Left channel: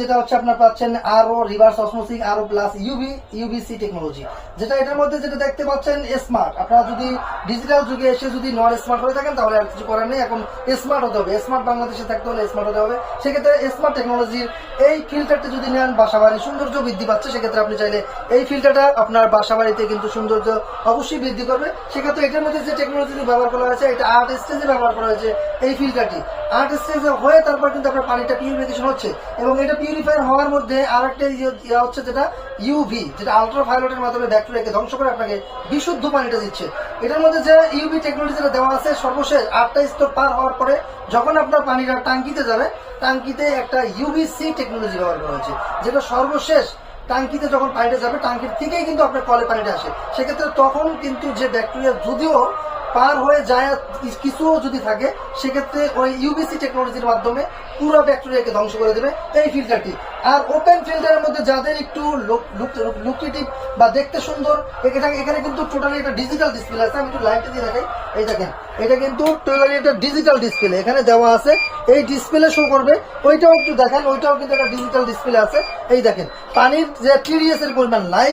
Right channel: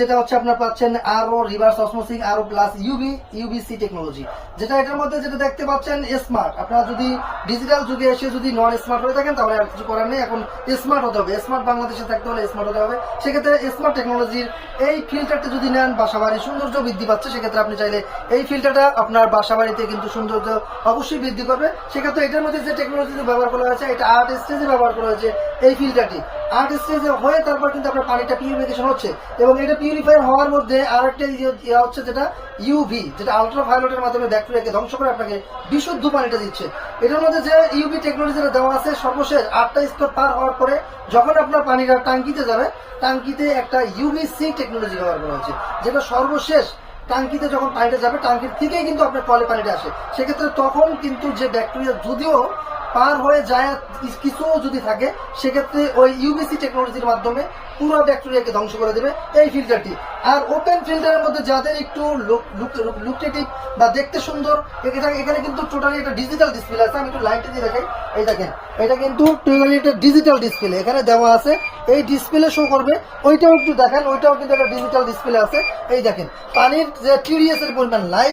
যেটা হচ্ছে আপনার পাচ্ছেন আরও রিভার্স অসমোসিস আরও প্লাস ইউভিসি টেকনোলজি, যেটা এটার মধ্যে যেটা দেখতে পাচ্ছেন স্মার্ট। আপনারা যদি ডিজিটাল যুগে এসে যদি নন স্মার্ট হয়ে থাকেন তাহলে আর কিছু করার নেই, এখন স্মার্ট হতে হবে। স্মার্ট বাংলাদেশে থাকতে হলে স্মার্ট হতে হবে। সেক্ষেত্রে স্মার্ট টেকনোলজির এই ফিল্টারটা যদি নেন, বাসা বাড়ির সৌন্দর্য বৃদ্ধি পাচ্ছে। সেক্ষেত্রে আপনি চাইলে এই ফিল্টারটা আপনার বাসা বাড়িতে কিন্তু সৌন্দর্য অবশ্যই বৃদ্ধি করবে। সেক্ষেত্রে এটার মধ্যে যে টেকনোলজি ব্যবহার করা হয়েছে, এটা 8 স্টেজে ব্যবহার করা হয়েছে। এই ফিল্টারটি 8 স্টেজে হয়ে তারপর কিন্তু আপনার পানিটা পিউরিফিকেশন হচ্ছে, এবং এটা পিউরিফাই হওয়ার মধ্যে আরো একটা ইয়ে হচ্ছে যেটা ইউভি, যেটা আলট্রাভায়োলেটের মাধ্যমে ব্যাকটেরিয়াকে ধ্বংস করে আপনাকে বিশুদ্ধ পানিটা দিচ্ছে। এটার মধ্যে যে ইউভি টেকনোলজি দেওয়া আছে, সর্বশেষ 8টা স্তর পার হওয়ার পরে যখন আপনার পানিটা টাঙ্কিতে যাবে, টাঙ্কিতে একটা ইউভিসি টেকনোলজি ব্যবহার করা হয়েছে, যেটা সর্বশেষ টাঙ্কিতে যখন পানিটা যাবে, টাঙ্কির থেকেই কিন্তু আপনার কলে পানিটা আসে। সেক্ষেত্রে তখন কিন্তু যে ব্যাকটেরিয়া যদিও পার হয়ে যায় কিছু যদি থাকে, সেক্ষেত্রে ওই ইউভিসি টেকনোলজির মাধ্যমে পুরো ব্যাকটেরিয়াকে ধ্বংস করে দেবে এই ফিল্টারটি। আর ওপেন ফিল্টারের মধ্যে যাদের একটু লুক্রেটিভ বা দেখতে সুন্দর, এখানে কিন্তু টোটালি একটা ডিজিটাল ডিসপ্লে আছে। আমি একটু লাইটটা দিয়ে দেখেন, এই দেখেন, এটা কিন্তু টোটালি একটা ডিজিটাল ডিসপ্লে এখানে দেওয়া আছে। এই ডিসপ্লে শো করবে, ওইটাও একটু দেখেন, ওইটাও কিন্তু একটা ডিজিটাল ডিসপ্লে আছে। এই দেখেন পানির যে টিডিএস এর পরিমাণ লাইট